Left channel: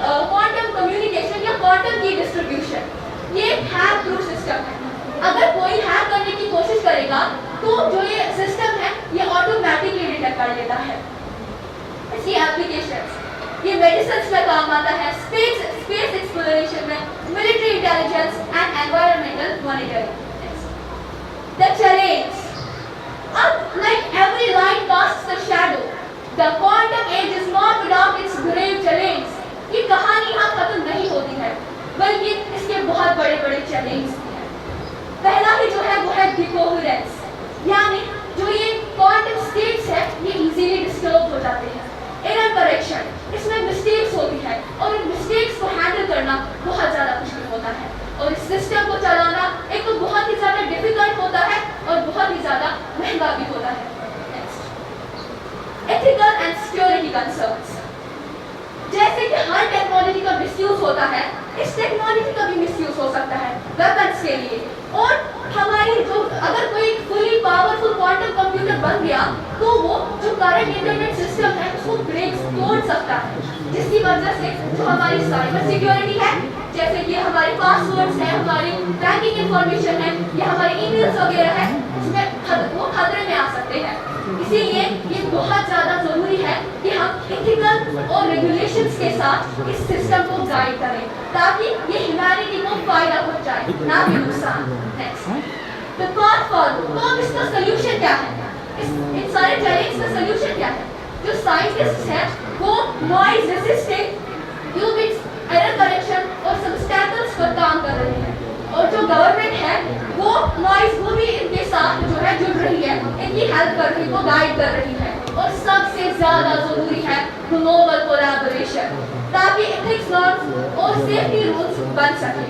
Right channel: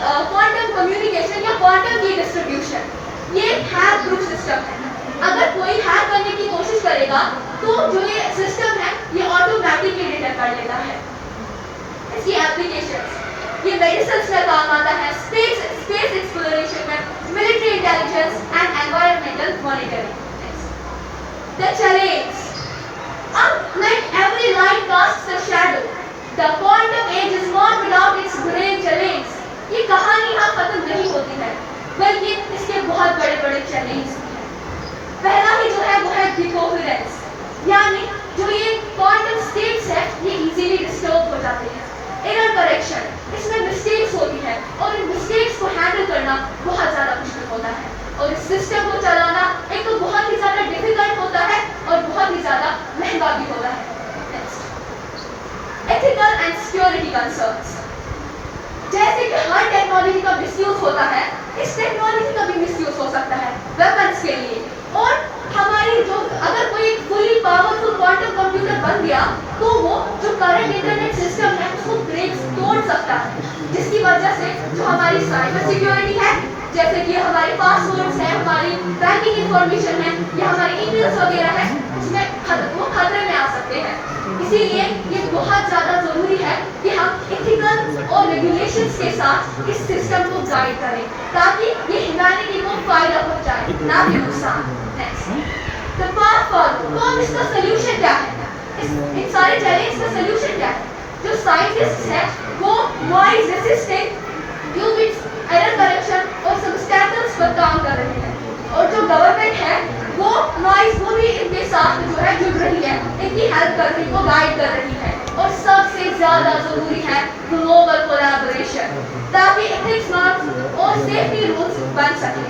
Quantum communication या quantum की distribution, ये हैक प्रूफ सिस्टम है। अगर कोई हैक करने की कोशिश करेगा तो जो ये सिस्टम है ये ऑटोमेटिकली डिटेक्ट कर लेता है। इसकी एप्लीकेशंस, ये मेडिसिन में काम आता है, स्पेस एक्सप्लोरेशन में, military intelligence and environmental monitoring. The challenge, अब like every light casts a shadow, the quantum age is not without its grave challenge। ये कहानी यहाँ खत्म नहीं होती है, बल्कि इसके बहुत बड़े बड़े चैलेंज हैं। पहला ही जो है वो है डिकोहेरेंस, यानी जो ये क्वांटम स्टेट्स है ये इजीली डिस्टर्ब हो जाते हैं। एरर करेक्शन, इसमें मिस्टेक्स होती है और इन मिस्टेक्स को हैंडल करना बहुत ज़्यादा मुश्किल होता है, और इस सिस्टम को चलाना एक तो बहुत ही ज़्यादा डिफिकल्ट होता है और बहुत ही ज़्यादा महंगा भी होता है। Next, ethical and security concerns, जैसे कि हर टेक्नोलॉजी का मिसयूज होता है, इस टेक्नोलॉजी का भी मिसयूज हो सकता है वेपन्स के लिए। और हमारी जो अगर कोई फुली पावरफुल क्वांटम कंप्यूटर बन गया तो वो जो करंट इंटरनेट सिस्टम है उसको ब्रेक तोड़ सकता है, जिसकी वजह से जो हमारी साइबर सिक्योरिटी है, जैसे कि हमारे पासवर्ड्स है, हमारी बैंकिंग इंफॉर्मेशन है या हमारी ईमेल्स वगैरह है, उसमें वो खतरे में आ सकते हैं। इसीलिए ये बहुत ज़्यादा ज़रूरी है कि हम एथिकल और रेगुलेशंस के साथ इस सिस्टम को गाइड करें ताकि ये ह्यूमैनिटी को फायदा पहुंचाए, ना कि नुकसान। नेक्स्ट, द पाथ फॉरवर्ड, तो अब इसका सलूशन क्या है? इन सारे चैलेंज का सलूशन क्या है? जो साइंटिस्ट है वो noise resisting, qubits, error correction और सबस्टैटल्स पर काम कर रहे हैं, और जो गवर्नमेंट है वो नॉइज को भी इनके साथ जो है जुड़ रही है, इनकी हेल्प कर रही है, गाइड कर रही है। और सबसे ज्यादा जरूरी है ग्लोबल कोलैबोरेशन, ताकि एथिक्स नॉर्म्स और सेफ्टी रूल्स बन सके।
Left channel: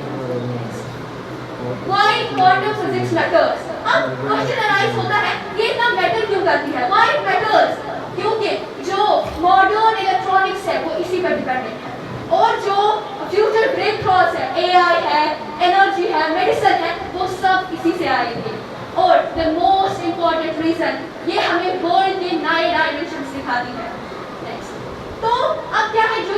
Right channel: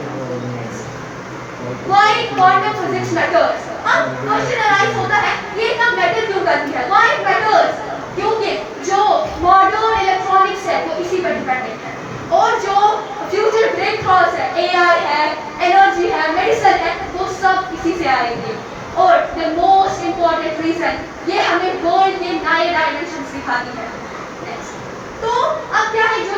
व्हाई क्वांटम फिजिक्स मैटर्स, अब क्वेश्चन अराइज होता है ये इतना मैटर क्यों करती है, व्हाई इट मैटर्स? क्योंकि जो मॉडर्न इलेक्ट्रॉनिक्स है वो इसी पर डिपेंडेंट है, और जो फ्यूचर ब्रेक थ्रूज है, एआई है, एनर्जी है, मेडिसिन है, वो सब इसी से आएंगे। और द मोस्ट इम्पॉर्टेंट रीजन, ये हमें वर्ल्ड के नए डायमेंशंस दिखाती है। तो अब क्या है, जो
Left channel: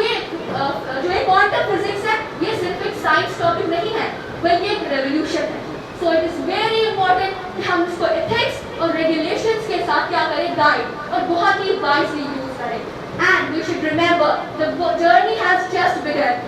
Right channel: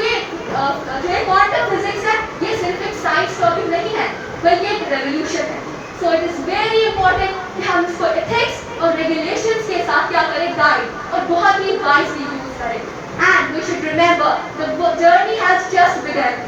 ये क्वांटम फिजिक्स है ये सिर्फ एक साइंस टॉपिक नहीं है बल्कि एक रेवोल्यूशन है। So it is very important कि हम इसको एथिक्स और रेगुलेशंस के साथ क्या करें, गाइड, और बहुत ही वाइजली यूज करें। And we should remember the journey has just begun